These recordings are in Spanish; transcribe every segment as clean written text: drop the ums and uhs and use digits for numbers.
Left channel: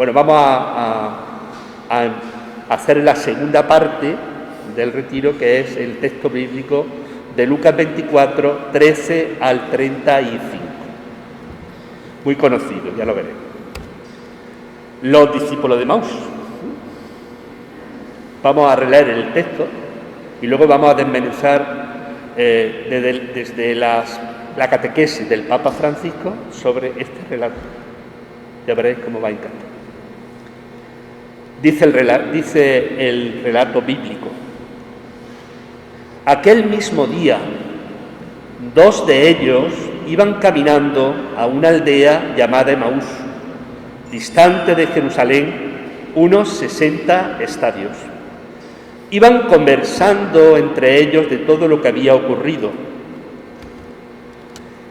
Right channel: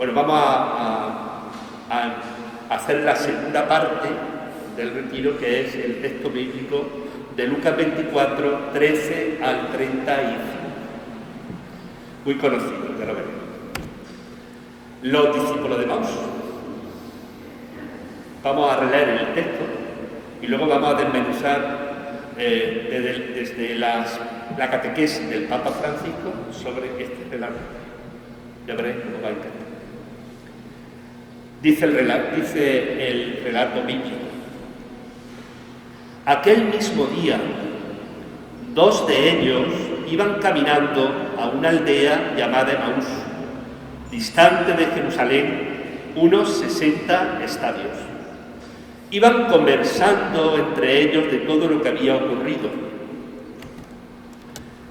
Bueno, vamos a hacer la segunda parte del retiro, que es el texto bíblico de Lucas 24, 13 al 35. Muy conocido, ya lo veremos. Los discípulos de Maús. Vamos a releer el texto y luego vamos a desmenuzar desde la catequesis del Papa Francisco sobre este relato. Ya veréis cómo va a encantar. Dice el relato bíblico: aquel mismo día, 2 de ellos iban caminando a una aldea llamada Emaús, distante de Jerusalén unos 60 estadios. Iban conversando entre ellos de todo lo que había ocurrido.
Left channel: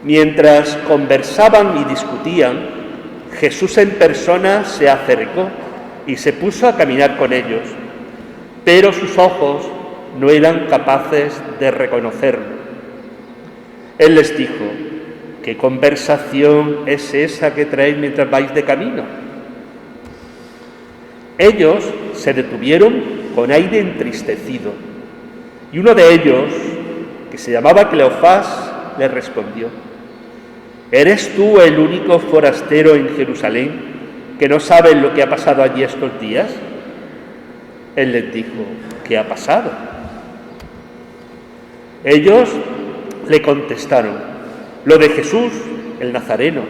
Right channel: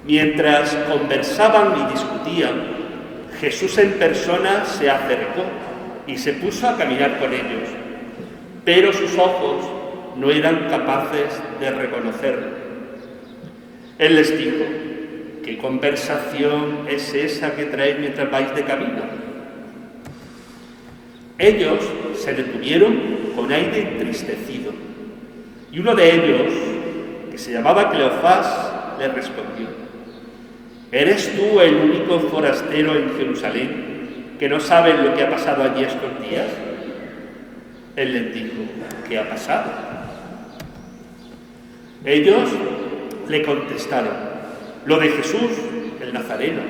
Mientras conversaban y discutían, Jesús en persona se acercó y se puso a caminar con ellos, pero sus ojos no eran capaces de reconocerlo. Él les dijo: ¿qué conversación es esa que traéis mientras vais de camino? Ellos se detuvieron con aire entristecido, y uno de ellos, que se llamaba Cleofás, le respondió: ¿eres tú el único forastero en Jerusalén que no sabe lo que ha pasado allí estos días? Él les dijo: ¿qué ha pasado? Ellos le contestaron: lo de Jesús, el Nazareno,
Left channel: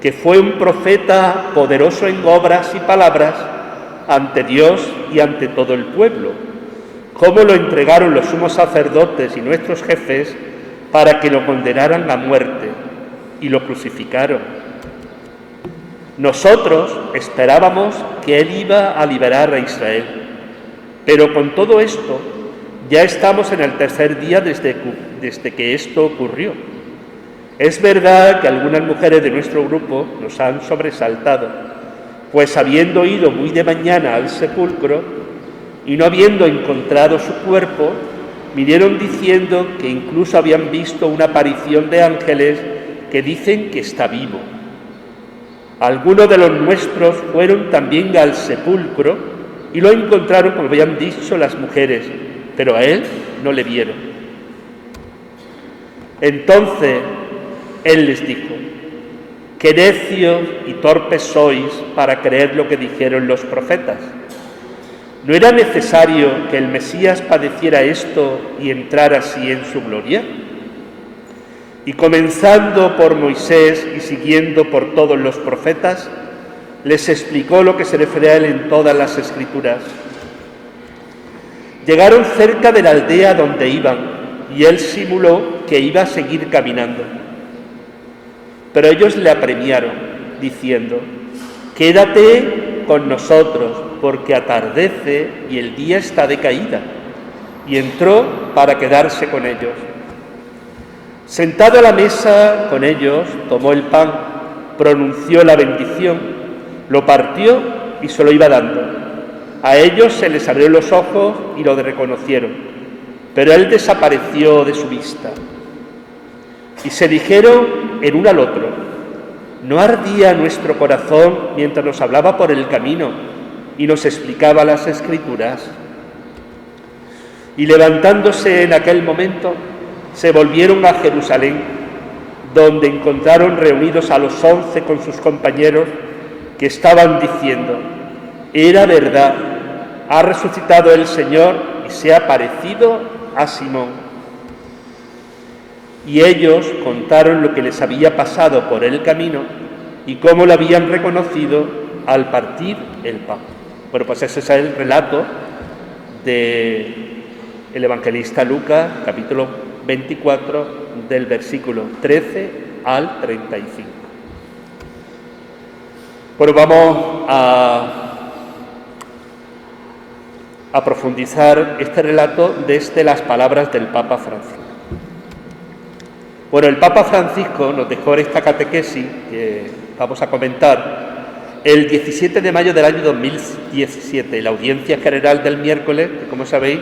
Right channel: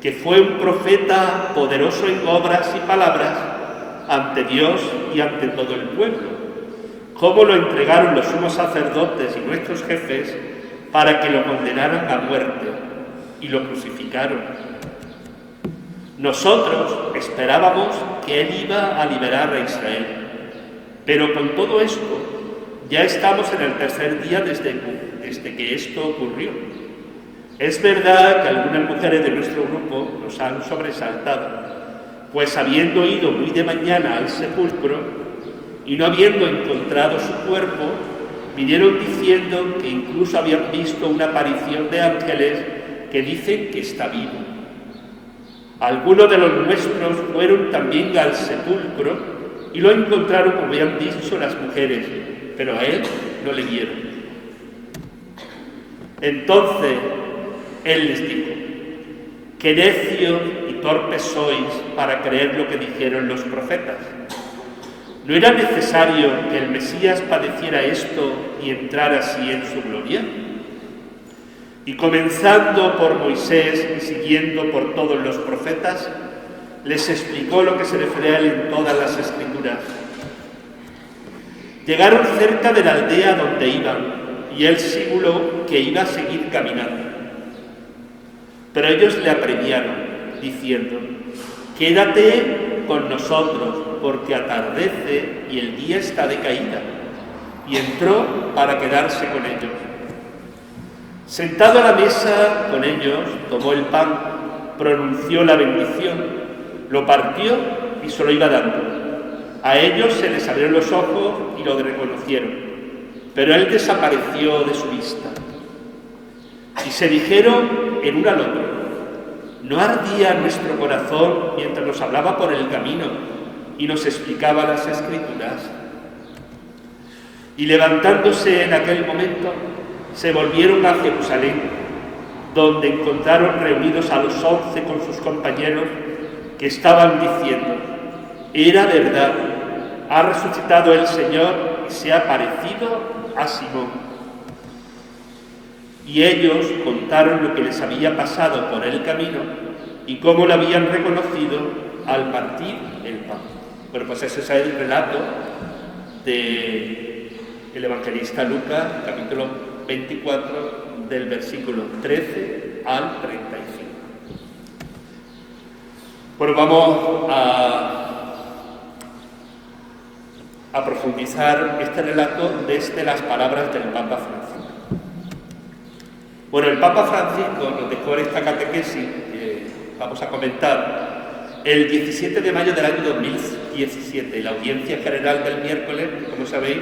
que fue un profeta poderoso en obras y palabras ante Dios y ante todo el pueblo, cómo lo entregaron los sumos sacerdotes y nuestros jefes para que lo condenaran a muerte y lo crucificaron. Nosotros esperábamos que él iba a liberar a Israel, pero con todo esto ya estamos en el tercer día desde que esto ocurrió. Es verdad que algunas mujeres de nuestro grupo nos han sobresaltado, pues habiendo ido muy de mañana al sepulcro y no habiendo encontrado su cuerpo, vinieron diciendo que incluso habían visto una aparición de ángeles que dicen que está vivo. Algunos de los nuestros fueron también al sepulcro y lo encontraron como habían dicho las mujeres, pero a él no le vieron. Entonces él les dijo: qué necios y torpes sois para creer lo que dijeron los profetas. ¿No era necesario que el Mesías padeciera esto y entrara así en su gloria? Y comenzando por Moisés y siguiendo por todos los profetas, les explicó lo que se refiere a él en todas las Escrituras. Llegaron cerca de la aldea donde iban, y él simuló que iba a seguir caminando. Pero ellos le apremiaron, diciendo: quédate con nosotros, porque atardece y el día está de caída. Y entró para quedarse con ellos. Sentado a la mesa con ellos, tomó el pan, pronunció la bendición, lo partió y se lo iba dando. A ellos se les abrieron los ojos y lo reconocieron, pero él desapareció de su vista. Y se dijeron el uno al otro: ¿no ardía nuestro corazón mientras nos hablaba por el camino y nos explicaba las Escrituras? Y levantándose en aquel momento, se volvieron a Jerusalén, donde encontraron reunidos a los 11 con sus compañeros, que estaban diciendo: era verdad, ha resucitado el Señor y se ha parecido a Simón. Y ellos contaron lo que les había pasado por el camino y cómo lo habían reconocido al partir el pan. Bueno, pues ese es el relato del evangelista Lucas, capítulo 24, del versículo 13 al 35. Bueno, vamos a profundizar este relato desde las palabras del Papa Francisco. Bueno, el Papa Francisco nos dejó esta catequesis que vamos a comentar el 17 de mayo del año 2017, la audiencia general del miércoles, que como sabéis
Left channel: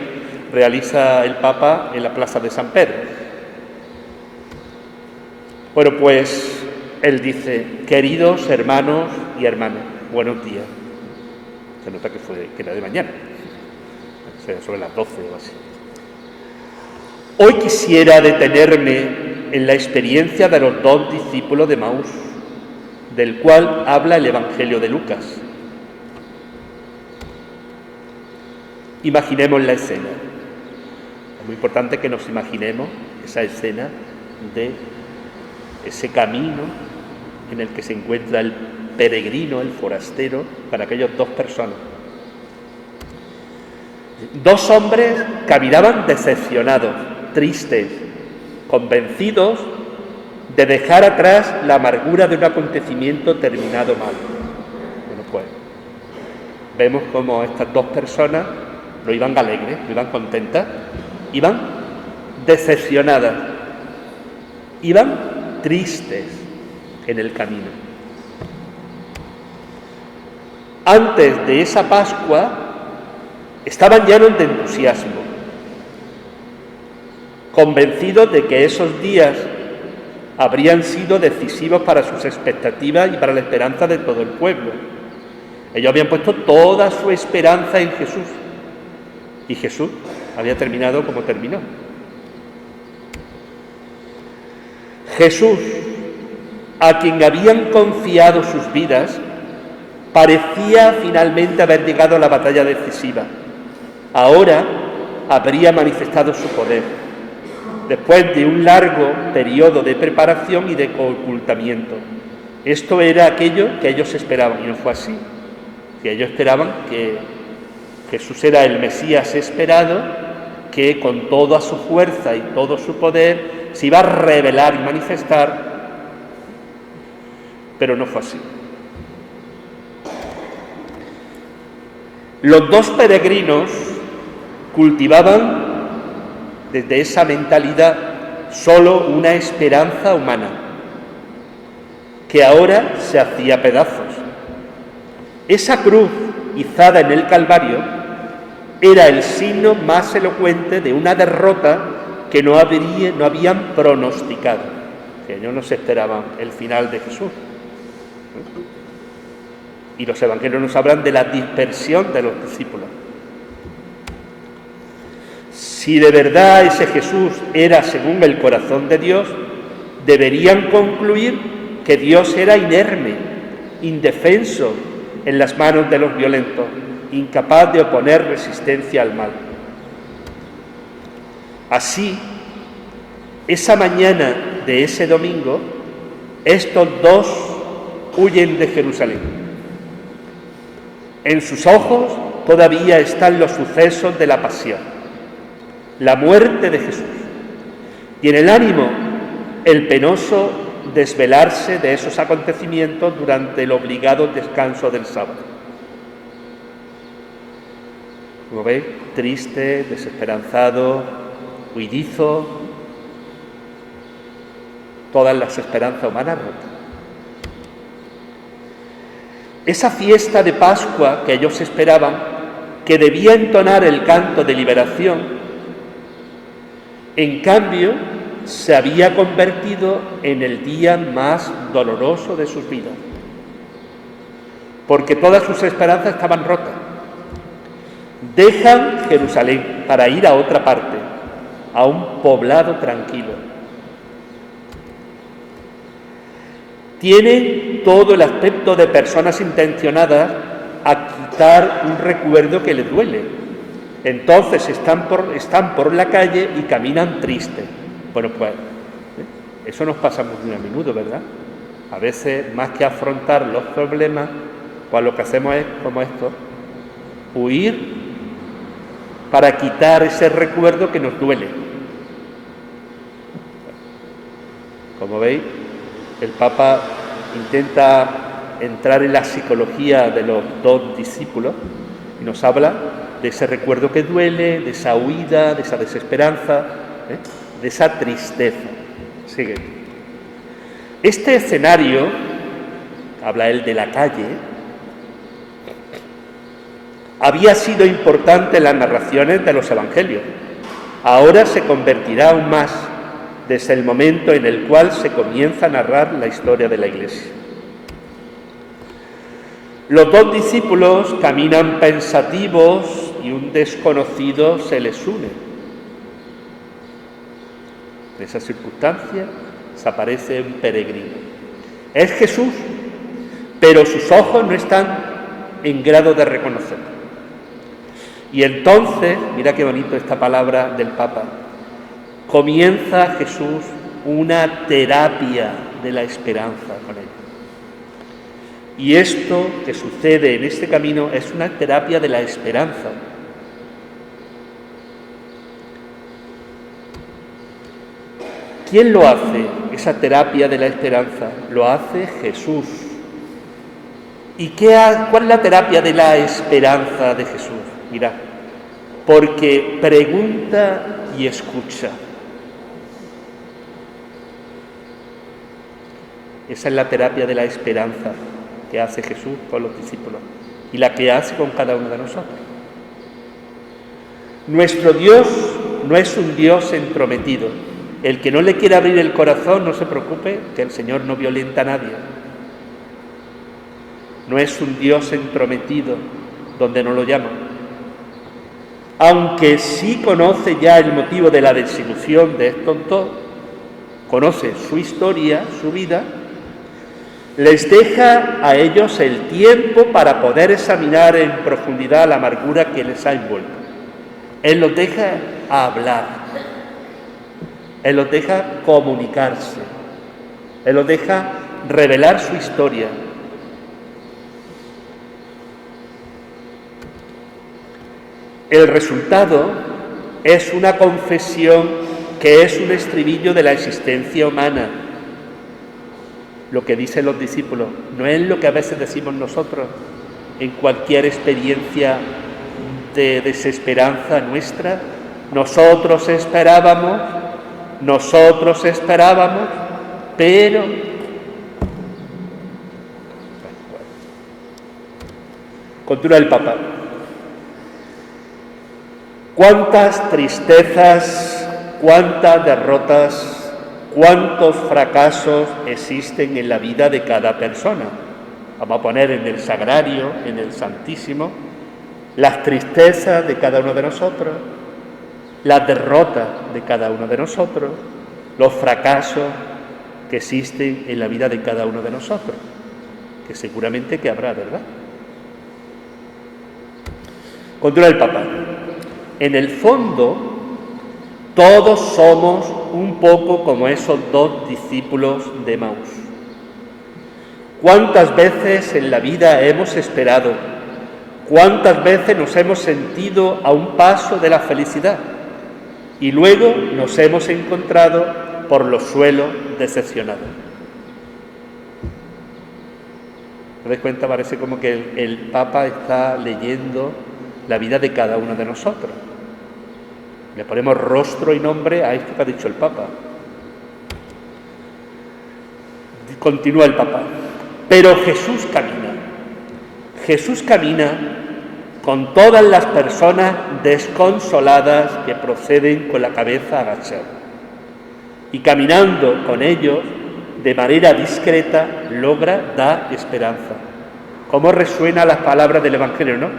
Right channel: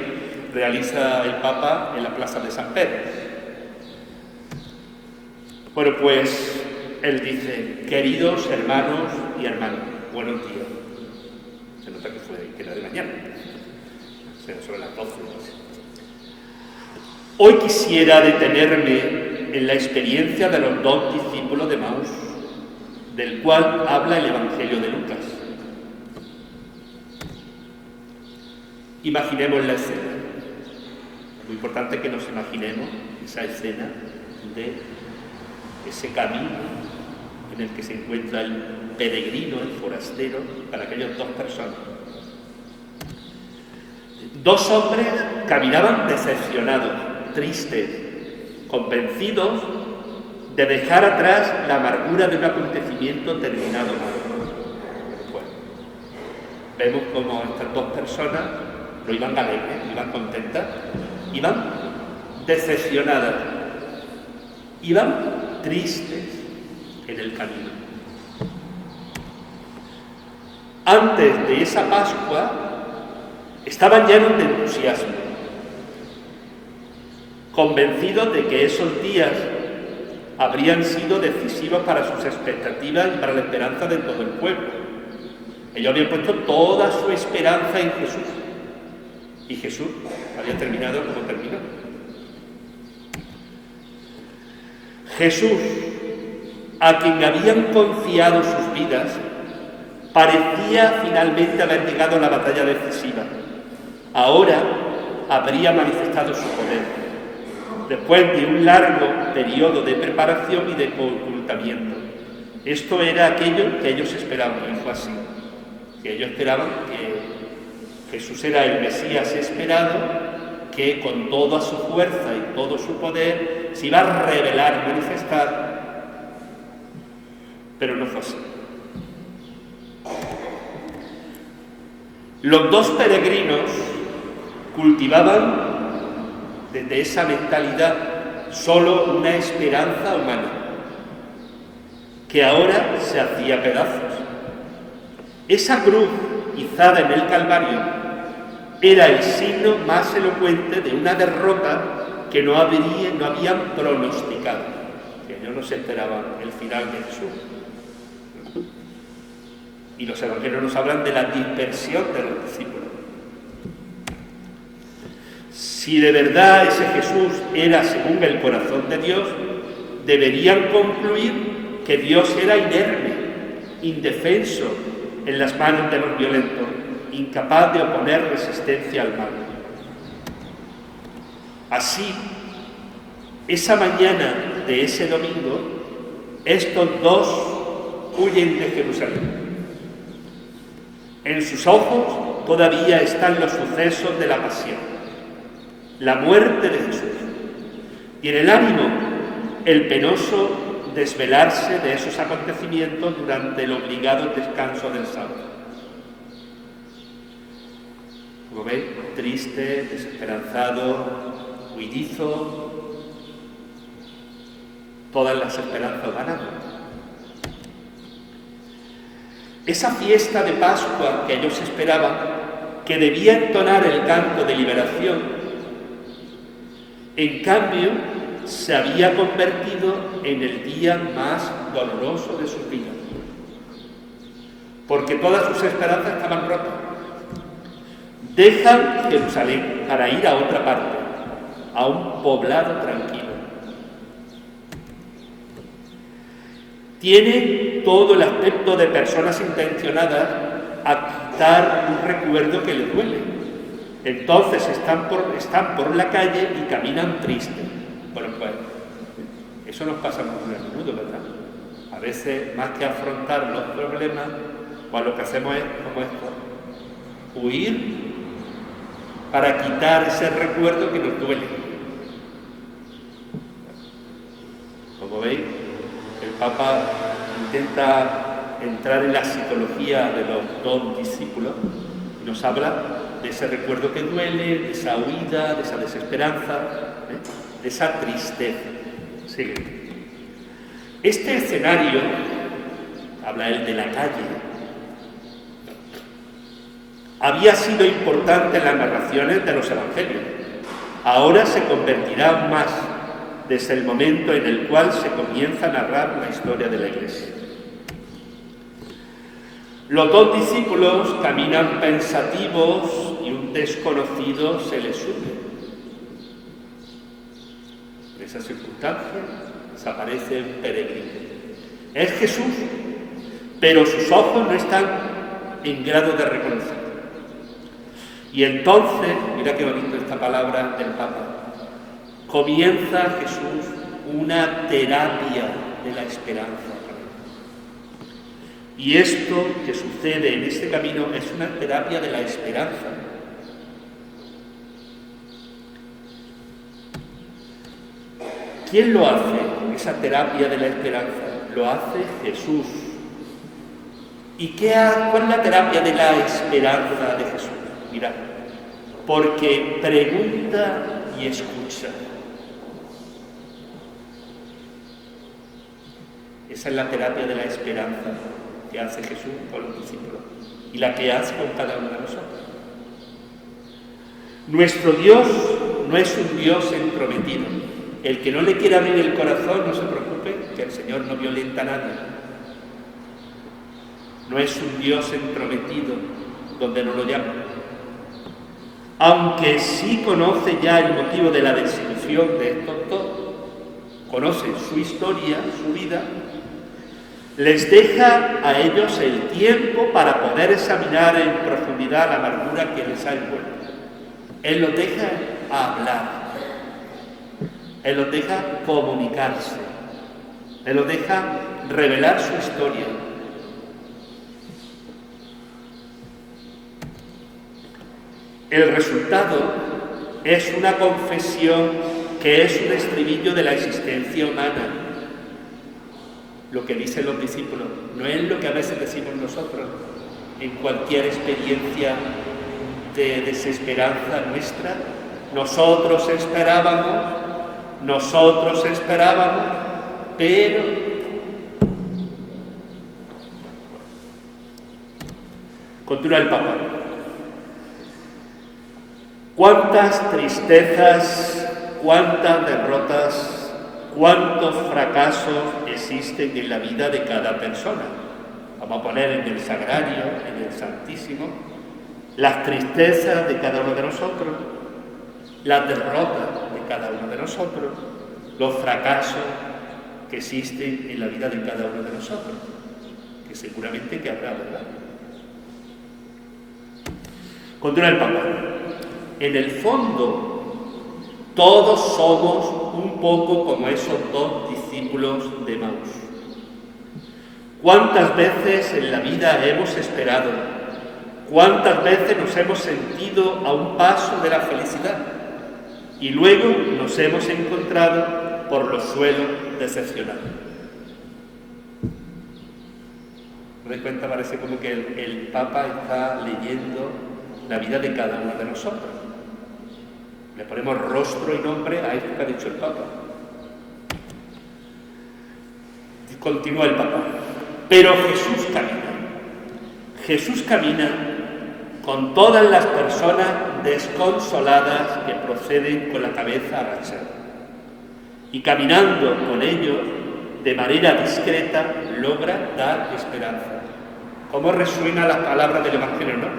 realiza el Papa en la Plaza de San Pedro. Bueno, pues él dice: queridos hermanos y hermanas, buenos días. Se nota que era de mañana, o sea, sobre las 12 o así. Hoy quisiera detenerme en la experiencia de los 2 discípulos de Emaús, del cual habla el Evangelio de Lucas. Imaginemos la escena. Es muy importante que nos imaginemos esa escena de ese camino en el que se encuentra el peregrino, el forastero, para aquellas 2 personas. 2 hombres caminaban decepcionados, tristes, convencidos de dejar atrás la amargura de un acontecimiento terminado mal. Bueno, pues vemos cómo estas 2 personas no iban alegres, no iban contentas, iban decepcionadas, iban tristes en el camino. Antes de esa Pascua estaban llenos de entusiasmo, convencidos de que esos días habrían sido decisivos para sus expectativas y para la esperanza de todo el pueblo. Ellos habían puesto toda su esperanza en Jesús, y Jesús había terminado como terminó. Jesús, a quien habían confiado sus vidas, parecía finalmente haber llegado a la batalla decisiva. Ahora habría manifestado su poder, después de un largo periodo de preparación y de ocultamiento. Esto era aquello que ellos esperaban, y no fue así. Que ellos esperaban que Jesús era el Mesías esperado, que con toda su fuerza y todo su poder se iba a revelar y manifestar, pero no fue así. Los 2 peregrinos cultivaban desde esa mentalidad solo una esperanza humana, que ahora se hacía pedazos. Esa cruz izada en el Calvario era el signo más elocuente de una derrota que no habían pronosticado. Ellos no se esperaban el final de Jesús. Y los evangelios nos hablan de la dispersión de los discípulos. Si de verdad ese Jesús era según el corazón de Dios, deberían concluir que Dios era inerme, indefenso en las manos de los violentos, incapaz de oponer resistencia al mal. Así, esa mañana de ese domingo, estos 2 huyen de Jerusalén. En sus ojos todavía están los sucesos de la pasión, la muerte de Jesús, y en el ánimo el penoso desvelarse de esos acontecimientos durante el obligado descanso del sábado. Como veis, triste, desesperanzado, huidizo, todas las esperanzas humanas rotas. Esa fiesta de Pascua que ellos esperaban, que debía entonar el canto de liberación, en cambio se había convertido en el día más doloroso de sus vidas, porque todas sus esperanzas estaban rotas. Dejan Jerusalén para ir a otra parte, a un poblado tranquilo. Tienen todo el aspecto de personas intencionadas a quitar un recuerdo que les duele. Entonces están por la calle y caminan tristes. Bueno, pues eso nos pasa muy a menudo, ¿verdad? A veces, más que afrontar los problemas, pues lo que hacemos es, como esto, huir para quitar ese recuerdo que nos duele. Como veis, el Papa intenta entrar en la psicología de los 2 discípulos y nos habla de ese recuerdo que duele, de esa huida, de esa desesperanza, de esa tristeza. Sigue. Este escenario, habla él de la calle, había sido importante en las narraciones de los evangelios. Ahora se convertirá aún más desde el momento en el cual se comienza a narrar la historia de la Iglesia. Los dos discípulos caminan pensativos y un desconocido se les une. En esa circunstancia se aparece un peregrino. Es Jesús, pero sus ojos no están en grado de reconocerlo. Y entonces, mira qué bonito esta palabra del Papa, comienza Jesús una terapia de la esperanza con él. Y esto que sucede en este camino es una terapia de la esperanza. ¿Quién lo hace, esa terapia de la esperanza? Lo hace Jesús. ¿Y cuál es la terapia de la esperanza de Jesús? Mirad, porque pregunta y escucha. Esa es la terapia de la esperanza que hace Jesús con los discípulos y la que hace con cada uno de nosotros. Nuestro Dios no es un Dios entrometido. El que no le quiere abrir el corazón, no se preocupe, que el Señor no violenta a nadie. No es un Dios entrometido donde no lo llama. Aunque sí conoce ya el motivo de la desilusión de estos dos, conoce su historia, su vida, les deja a ellos el tiempo para poder examinar en profundidad la amargura que les ha envuelto. Él los deja hablar, Él los deja comunicarse, Él los deja revelar su historia. El resultado es una confesión que es un estribillo de la existencia humana. Lo que dicen los discípulos no es lo que a veces decimos nosotros en cualquier experiencia de desesperanza nuestra. Nosotros esperábamos, pero... Continúa el Papa. Cuántas tristezas, cuántas derrotas, cuántos fracasos existen en la vida de cada persona. Vamos a poner en el Sagrario, en el Santísimo, las tristezas de cada uno de nosotros, las derrotas de cada uno de nosotros, los fracasos que existen en la vida de cada uno de nosotros, que seguramente que habrá, ¿verdad? Continúa el Papa. En el fondo, todos somos un poco como esos dos discípulos de Emaús. ¿Cuántas veces en la vida hemos esperado? ¿Cuántas veces nos hemos sentido a un paso de la felicidad? Y luego nos hemos encontrado por los suelos decepcionados. ¿Te das cuenta? Parece como que el Papa está leyendo la vida de cada uno de nosotros. Le ponemos rostro y nombre a esto que ha dicho el Papa. Continúa el Papa. Pero Jesús camina. Jesús camina con todas las personas desconsoladas que proceden con la cabeza agachada. Y caminando con ellos, de manera discreta, logra dar esperanza. ¿Cómo resuenan las palabras del Evangelio, no?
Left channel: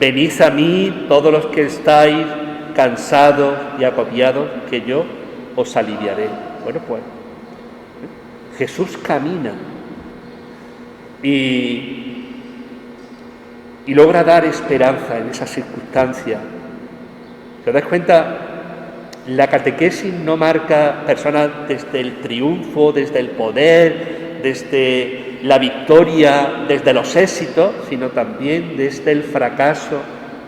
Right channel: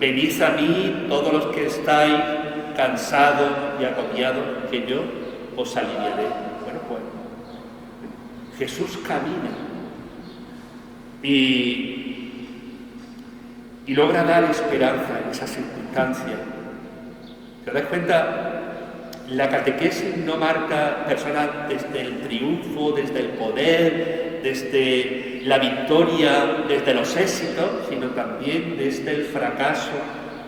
Venid a mí todos los que estáis cansados y agobiados, que yo os aliviaré. Bueno, pues Jesús camina y logra dar esperanza en esa circunstancia. ¿Se das cuenta? La catequesis no marca personas desde el triunfo, desde el poder, desde la victoria, desde los éxitos, sino también desde el fracaso,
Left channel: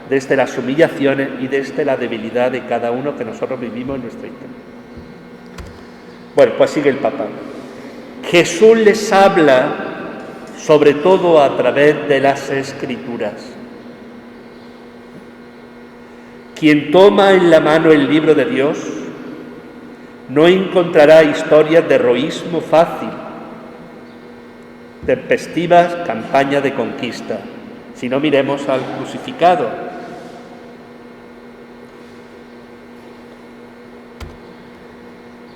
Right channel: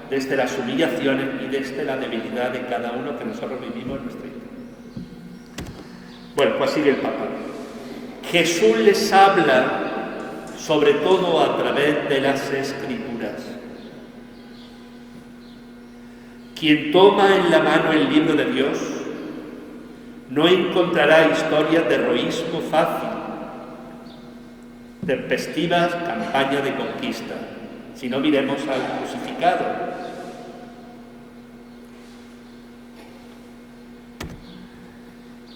desde las humillaciones y desde la debilidad de cada uno que nosotros vivimos en nuestra historia. Bueno, pues sigue el Papa. Jesús les habla sobre todo a través de las Escrituras. Quien toma en la mano el libro de Dios no encontrará historias de heroísmo fácil, tempestivas campañas de conquista, si no miremos al crucificado.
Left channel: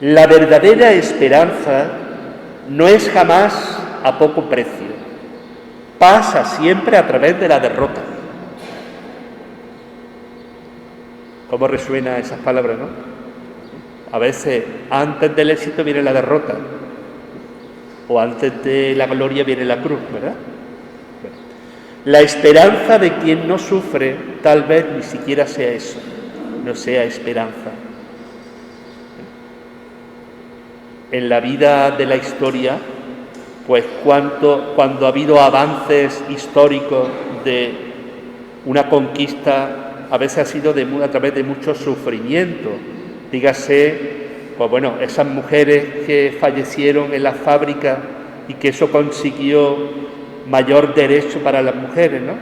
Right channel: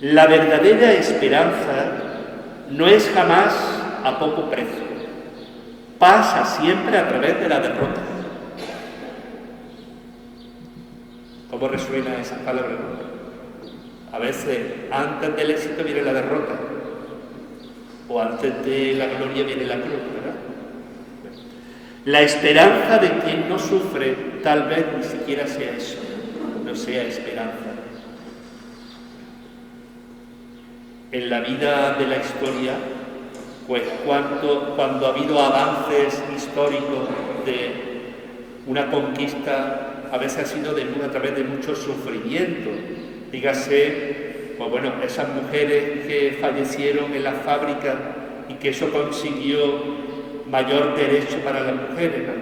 La verdadera esperanza no es jamás a poco precio. pasa siempre a través de la derrota. ¿Cómo resuena esas palabras, no? A veces antes del éxito viene la derrota, o antes de la gloria viene la cruz, ¿verdad? Bueno, la esperanza de quien no sufre tal vez ni siquiera sea eso, no sea esperanza. En la vida de la historia, pues cuando ha habido avances históricos de una conquista, a veces ha sido a través de mucho sufrimiento. Dígase, pues bueno, esas mujeres que fallecieron en la fábrica y que eso consiguió mayor derecho para las mujeres, ¿no?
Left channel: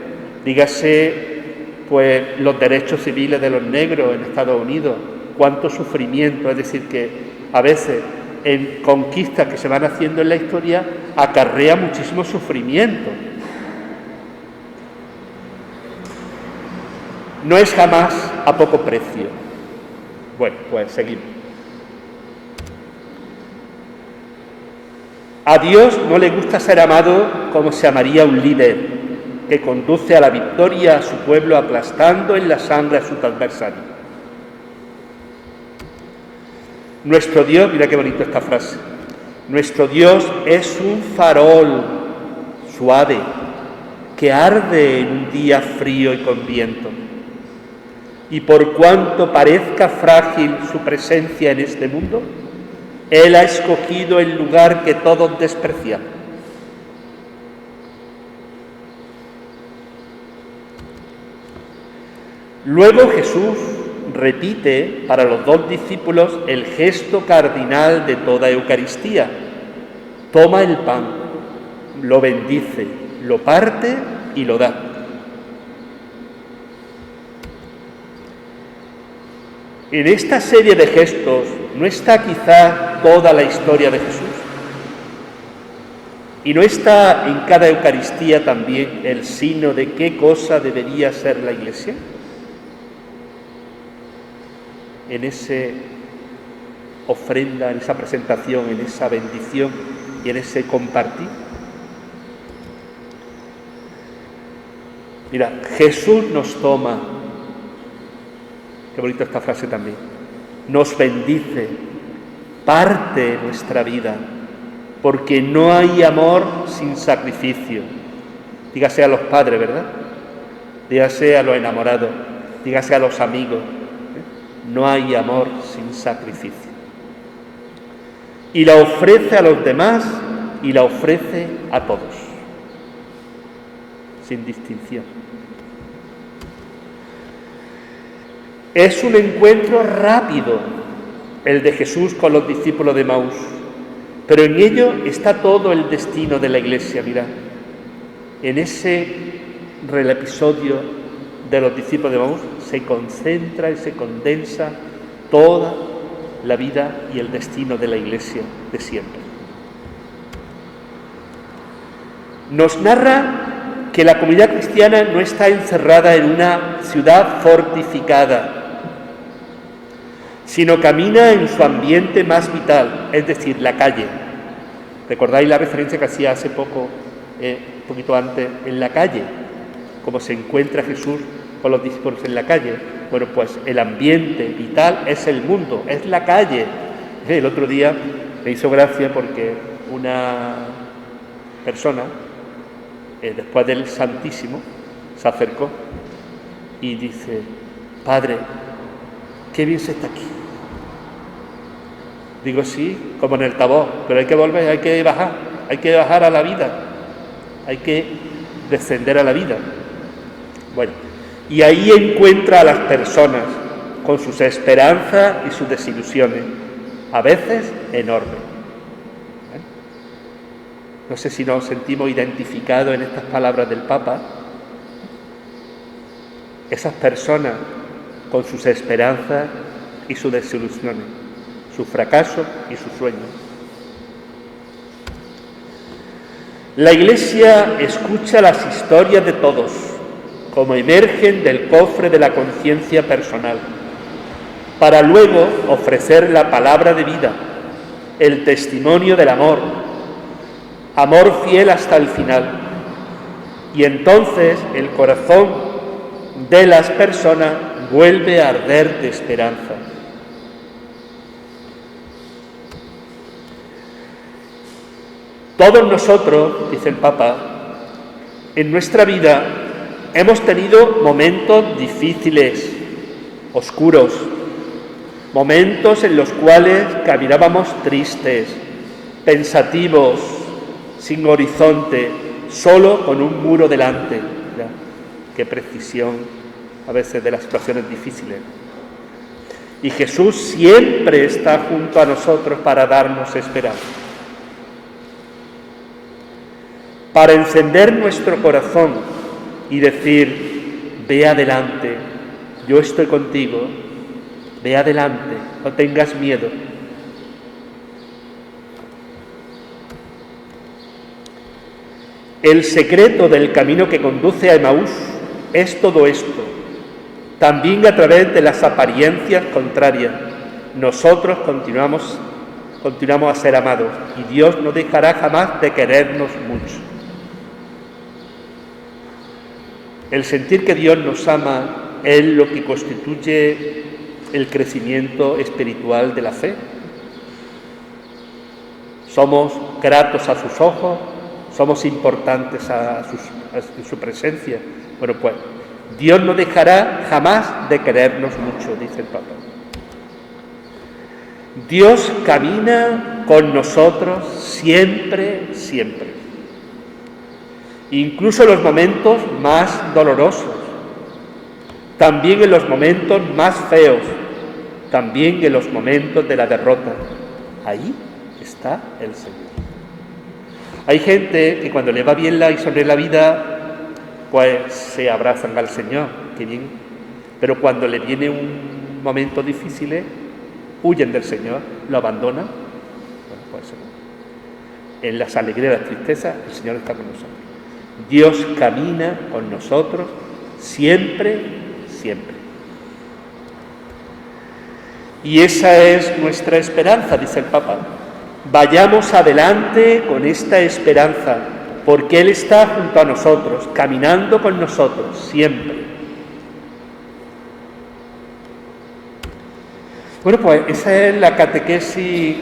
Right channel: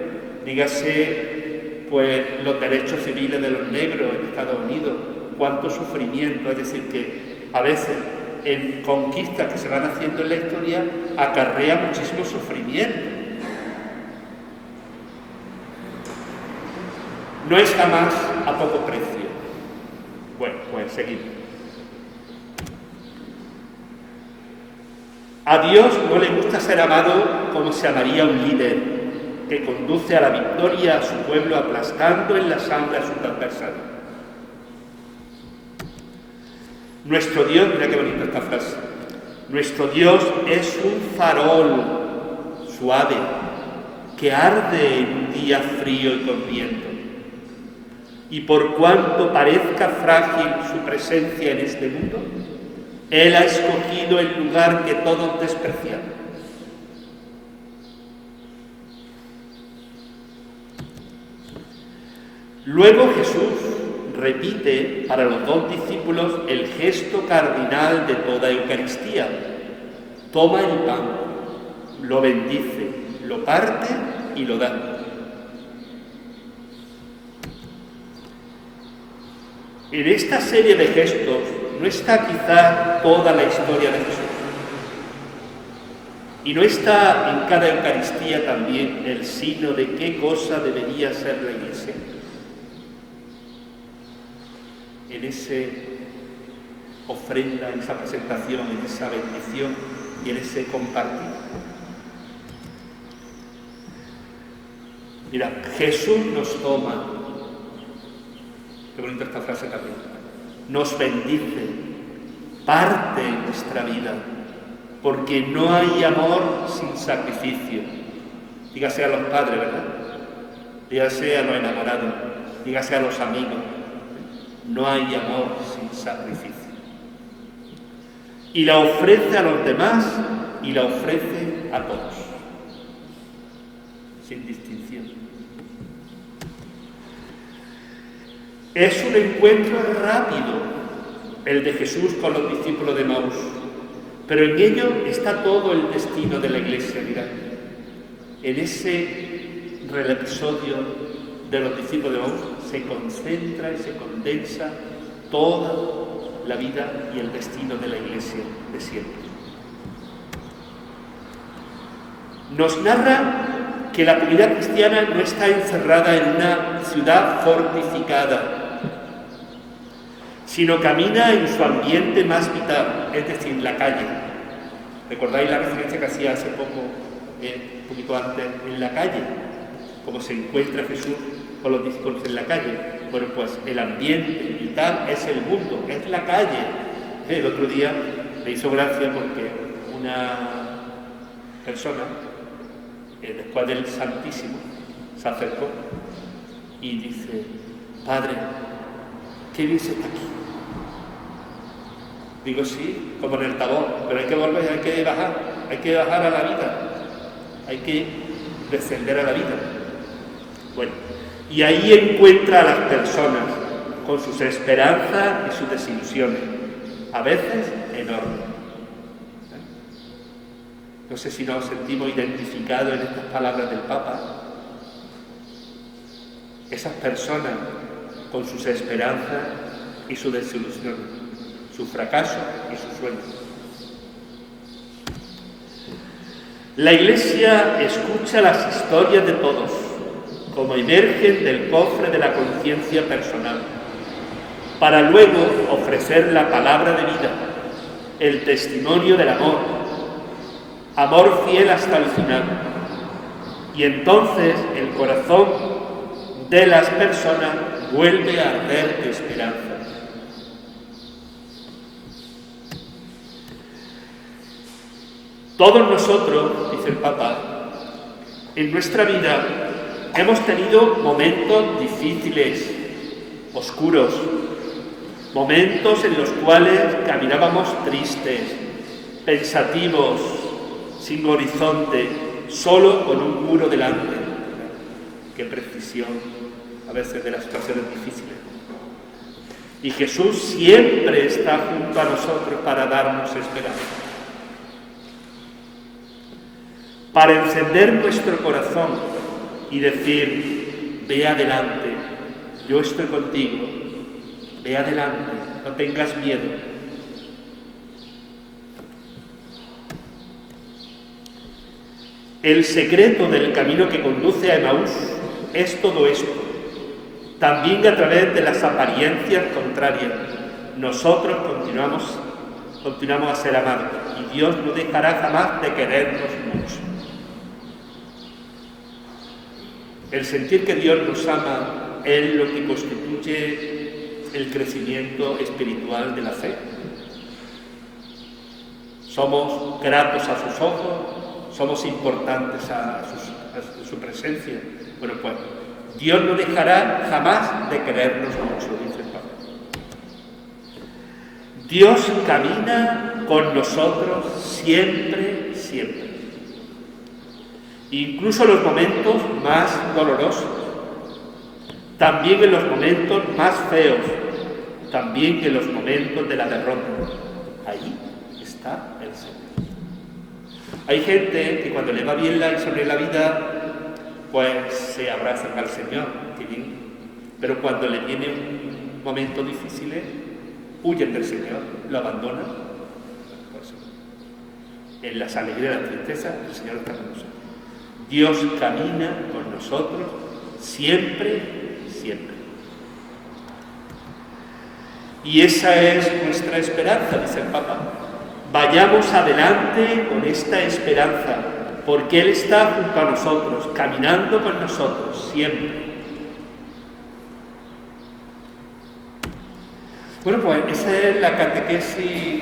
Dígase, pues los derechos civiles de los negros en Estados Unidos, cuánto sufrimiento, es decir, que a veces en conquistas que se van haciendo en la historia acarrea muchísimo sufrimiento. No es jamás a poco precio. Bueno, pues seguimos. A Dios no le gusta ser amado como se amaría un líder que conduce a la victoria a su pueblo aplastando en la sangre a sus adversarios. Nuestro Dios, mira qué bonita esta frase, nuestro Dios es un farol suave que arde en un día frío y con viento. Y por cuanto parezca frágil su presencia en este mundo, Él ha escogido el lugar que todos desprecian. Luego Jesús repite para los dos discípulos el gesto cardinal de toda Eucaristía. Toma el pan, lo bendice, lo parte y lo da. En esta serie de gestos no está quizá toda la historia de Jesús. Y no está en cada Eucaristía también el signo de qué cosa debería ser la Iglesia. En esa ofrenda, en esa presentación, en esa bendición y en ese compartir. Mira, Jesús nos toma, qué bonita esta frase también, nos bendice, parte nuestra vida, porque no hay amor sin sacrificio. Dígase a los padres, ¿verdad? Dígase a los enamorados, dígase a los amigos. No hay amor sin sacrificio. Y la ofrece a los demás y la ofrece a todos, sin distinción. Es un encuentro rápido el de Jesús con los discípulos de Emaús, pero en ello está todo el destino de la Iglesia. Mirad, en ese episodio de los discípulos de Emaús se concentra y se condensa toda la vida y el destino de la Iglesia de siempre. Nos narra que la comunidad cristiana no está encerrada en una ciudad fortificada, sino camina en su ambiente más vital, es decir, la calle. ¿Recordáis la referencia que hacía hace poco, un poquito antes, en la calle? Cómo se encuentra Jesús con los discípulos en la calle. Bueno, pues el ambiente vital es el mundo, es la calle. El otro día me hizo gracia porque una persona, después del Santísimo, se acercó y dice: Padre, qué bien se está aquí. Digo, sí, como en el Tabor, pero hay que volver, hay que bajar a la vida, hay que descender a la vida. Bueno, y ahí encuentra a las personas con sus esperanzas y sus desilusiones, a veces enormes. ¿Vale? No sé si nos sentimos identificados en estas palabras del Papa. Esas personas con sus esperanzas y sus desilusiones, sus fracasos y sus sueños. La Iglesia escucha las historias de todos, como emergen del cofre de la conciencia personal, para luego ofrecer la palabra de vida, el testimonio del amor, amor fiel hasta el final. Y entonces el corazón de las personas vuelve a arder de esperanza. Todos nosotros, dice el Papa, en nuestra vida hemos tenido momentos difíciles, oscuros, momentos en los cuales caminábamos tristes, pensativos, sin horizonte, solo con un muro delante. Mira, qué precisión a veces de las situaciones difíciles. Y Jesús siempre está junto a nosotros para darnos esperanza, para encender nuestro corazón y decir: ve adelante, yo estoy contigo, ve adelante, no tengas miedo. El secreto del camino que conduce a Emaús es todo esto. También a través de las apariencias contrarias, nosotros continuamos a ser amados y Dios no dejará jamás de querernos mucho. El sentir que Dios nos ama es lo que constituye el crecimiento espiritual de la fe. Somos gratos a sus ojos, somos importantes a su presencia. Bueno, pues Dios no dejará jamás de querernos mucho, dice el Papa. Dios camina con nosotros siempre, siempre. Incluso en los momentos más dolorosos, también en los momentos más feos, también en los momentos de la derrota. Ahí está el Señor. Hay gente que cuando le va bien y sonríe la vida, pues se abrazan al Señor, qué bien. Pero cuando le viene un momento difícil, huyen del Señor, lo abandonan. Bueno, pues en las alegrías y las tristezas, el Señor está con nosotros. Dios camina con nosotros siempre, siempre. Y esa es nuestra esperanza, dice el Papa. Vayamos adelante con esta esperanza, porque Él está junto a nosotros, caminando con nosotros siempre. Bueno, pues esa es la catequesis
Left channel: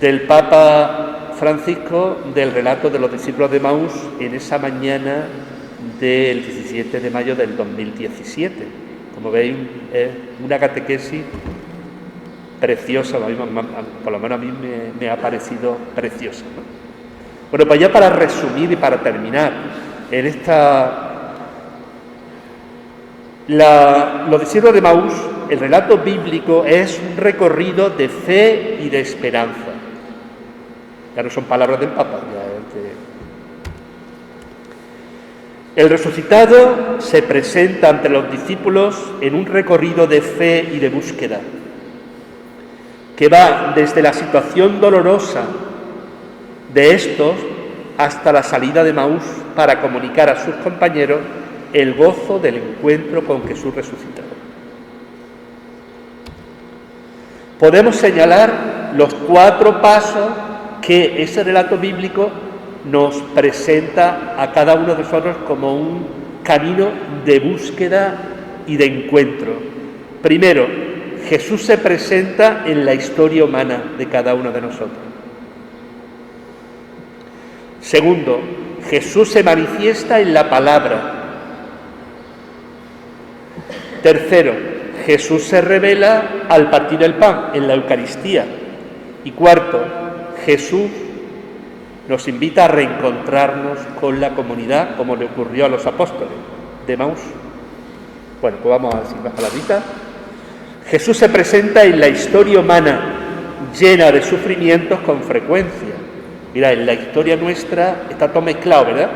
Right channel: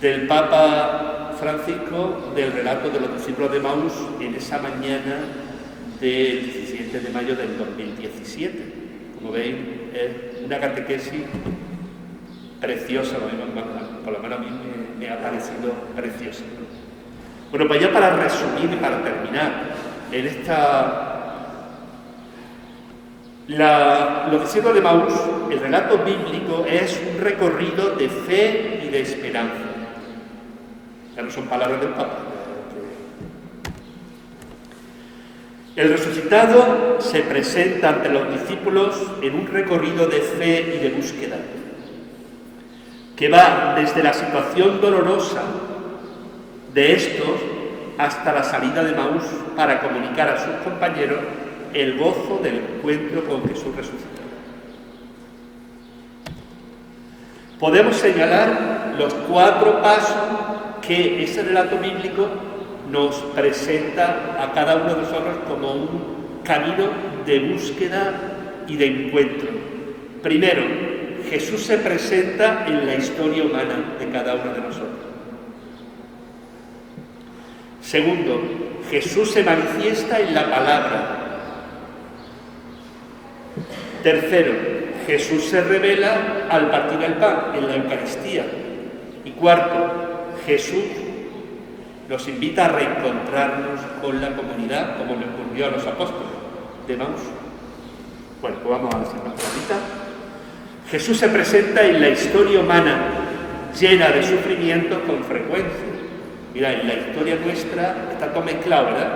del Papa Francisco del relato de los discípulos de Emaús en esa mañana del 17 de mayo del 2017. Como veis, es una catequesis preciosa, por lo menos a mí me ha parecido preciosa, ¿no? Bueno, pues ya para resumir y para terminar, en los discípulos de Emaús, el relato bíblico es un recorrido de fe y de esperanza. Ya no son palabras del Papa. El resucitado se presenta ante los discípulos en un recorrido de fe y de búsqueda, que va desde la situación dolorosa de estos hasta la salida de Emaús para comunicar a sus compañeros el gozo del encuentro con Jesús resucitado. Podemos señalar los 4 pasos que ese relato bíblico nos presenta a cada uno de nosotros como un camino de búsqueda y de encuentro. Primero, Jesús se presenta en la historia humana de cada uno de nosotros. Segundo, Jesús se manifiesta en la palabra. Tercero, Jesús se revela al partir el pan, en la Eucaristía. Y cuarto, Jesús nos invita a reencontrarnos con la comunidad, como le ocurrió a los apóstoles de Emaús. Bueno, pues vamos a decir más palabritas. Jesús se presenta en la historia humana, llena de sufrimientos con frecuencia. Mira, en la historia nuestra está todo mezclado, ¿verdad?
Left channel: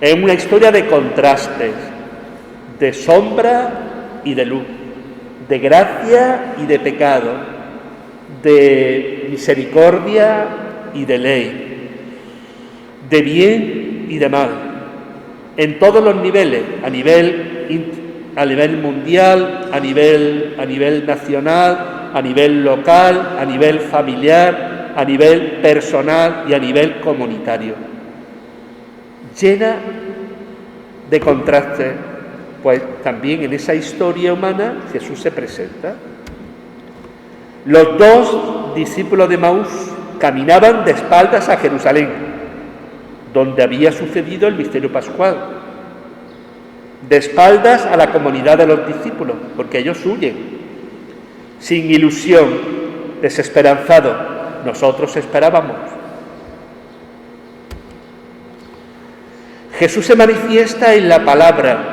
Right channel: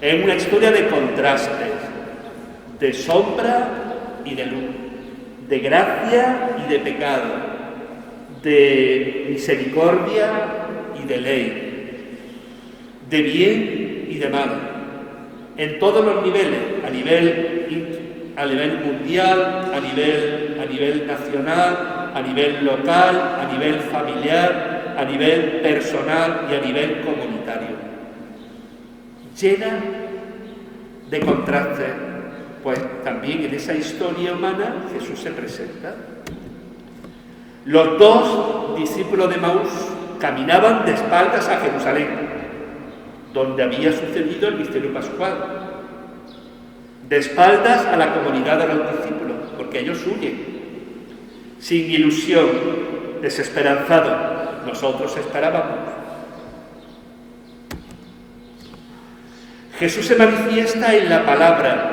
Es una historia de contrastes, de sombra y de luz, de gracia y de pecado, de misericordia y de ley, de bien y de mal, en todos los niveles, a nivel mundial, a nivel nacional, a nivel local, a nivel familiar, a nivel personal y a nivel comunitario. llena de contrastes, pues también en esa historia humana Jesús se presenta. Los dos discípulos de Emaús caminaban de espaldas a Jerusalén, donde había sucedido el misterio pascual, de espaldas a la comunidad de los discípulos, porque ellos huyen, sin ilusión, desesperanzados. Nosotros esperábamos. Jesús se manifiesta en la palabra.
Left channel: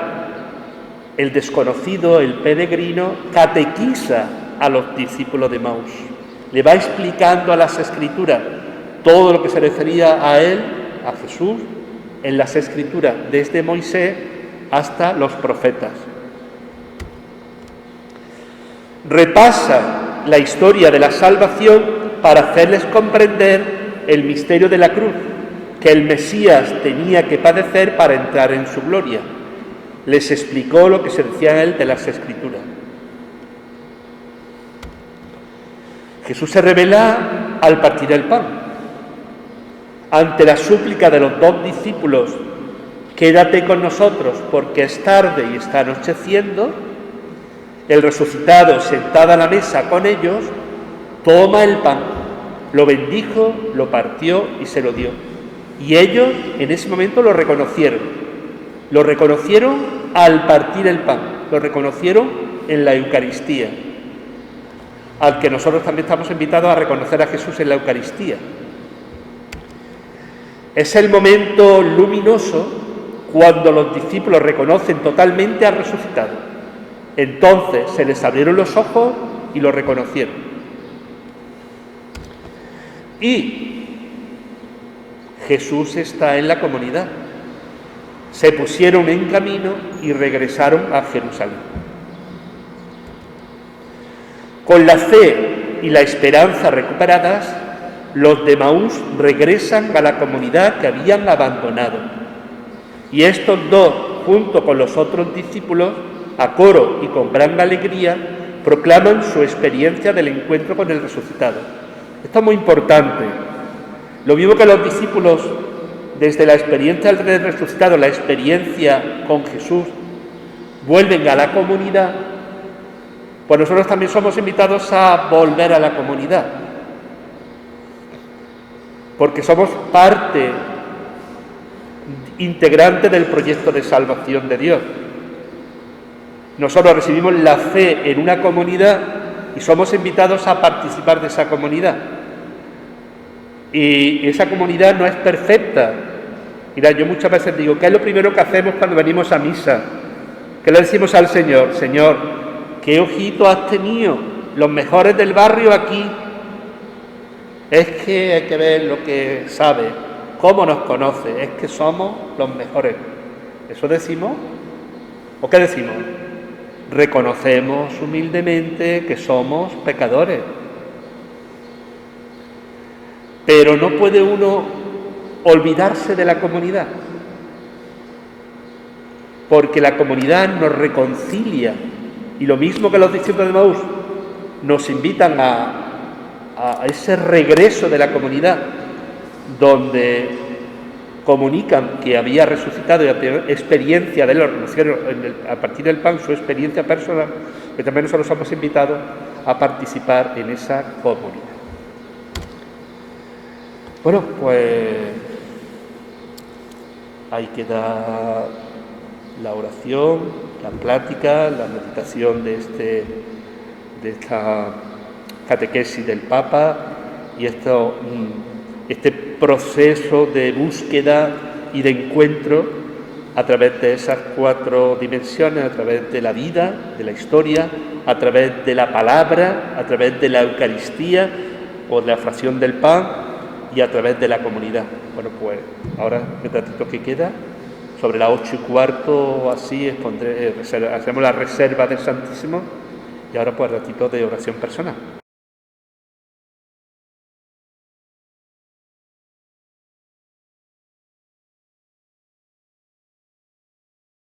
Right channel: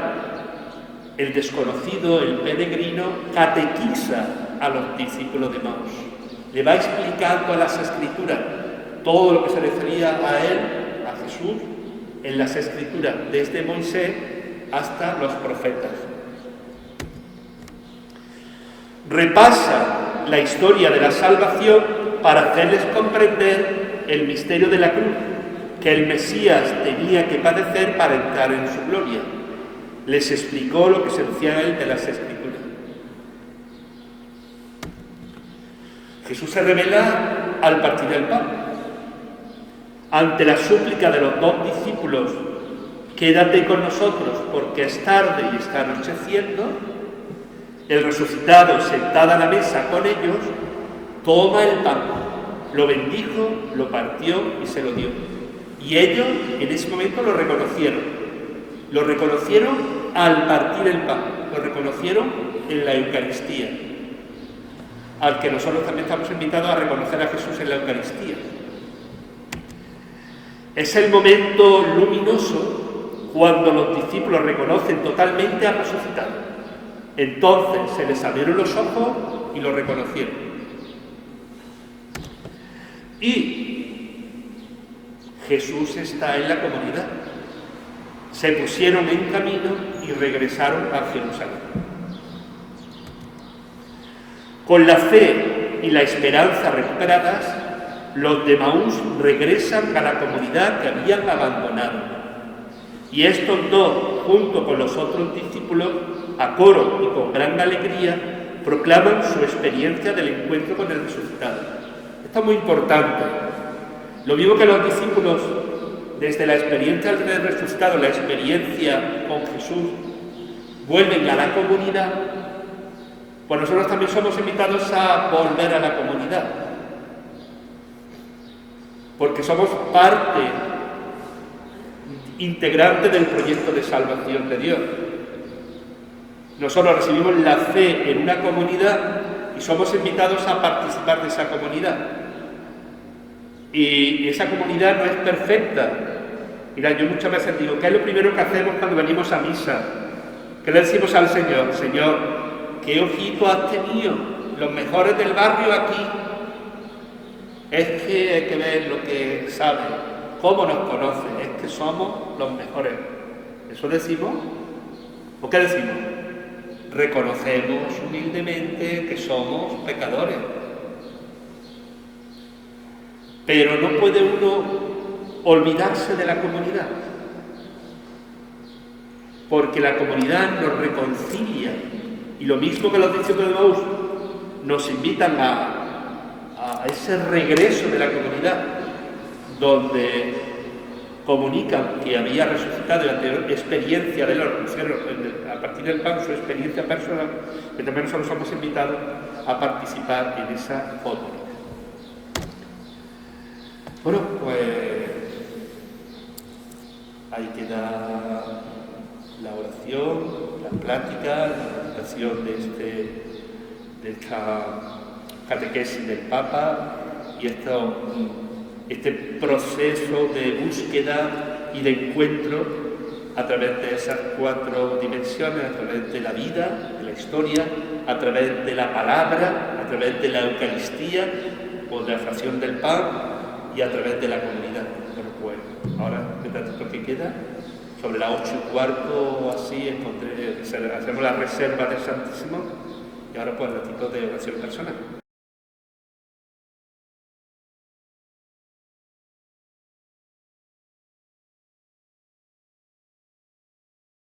El desconocido, el peregrino, catequiza a los discípulos de Emaús. Le va explicando a las Escrituras todo lo que se refería a él, a Jesús, en las Escrituras, desde Moisés hasta los profetas. Repasa la historia de la salvación para hacerles comprender el misterio de la cruz, que el Mesías tenía que padecer para entrar en su gloria. Les explicó lo que se decía a él de las Escrituras. Jesús se revela al partir el pan. Ante la súplica de los dos discípulos, quédate con nosotros porque es tarde y está anocheciendo, el resucitado, sentado a la mesa con ellos, toma el pan, lo bendijo, lo partió y se lo dio. Y ellos en ese momento lo reconocieron. Lo reconocieron al partir el pan, lo reconocieron en la Eucaristía, al que nosotros también estamos invitados a reconocer a Jesús en la Eucaristía. Es el momento luminoso cuando los discípulos reconocen totalmente al resucitado. Entonces se les abrieron los ojos y lo reconocieron. Y Jesús está en la comunidad. Se pusieron en camino y regresaron a Jerusalén. Con la fe y la esperanza recuperadas, los de Emaús regresan a la comunidad que habían abandonado. Y estos dos, junto con los otros discípulos, a coro y con gran alegría, proclaman su experiencia del encuentro con el resucitado. Esto es muy importante. Lo mismo que los discípulos, desde la experiencia del resucitado, la experiencia con Jesús, vuelven a la comunidad, pues nosotros también somos invitados a volver a la comunidad, porque somos parte integrante del proyecto de salvación de Dios. Nosotros recibimos la fe en una comunidad y somos invitados a participar de esa comunidad. Y esa comunidad no es perfecta. Mira, yo muchas veces digo, ¿qué es lo primero que hacemos cuando venimos a misa? ¿Qué le decimos al Señor? Señor, ¿qué ojito has tenido? Los mejores del barrio aquí. Es que hay que ver lo que sabe, cómo nos conoce, es que somos los mejores. ¿Eso decimos? ¿O qué decimos? Reconocemos humildemente que somos pecadores. Pero no puede uno olvidarse de la comunidad, porque la comunidad nos reconcilia, y lo mismo que los discípulos de Emaús nos invitan a ese regreso de la comunidad, donde comunican que había resucitado y a tener experiencia de él, lo reconocieron a partir del pan, su experiencia personal, que también nosotros somos invitados a participar en esa comunidad. Bueno, pues ahí queda la oración, la plática, la meditación de esta catequesis del Papa y este proceso de búsqueda y de encuentro a través de esas 4 dimensiones, a través de la vida, de la historia, a través de la palabra, a través de la Eucaristía o de la fracción del pan y a través de la comunidad. Bueno, pues ahora, el ratito que queda, sobre las 8:15 o así, hacemos la reserva del Santísimo y ahora pues el ratito de oración personal.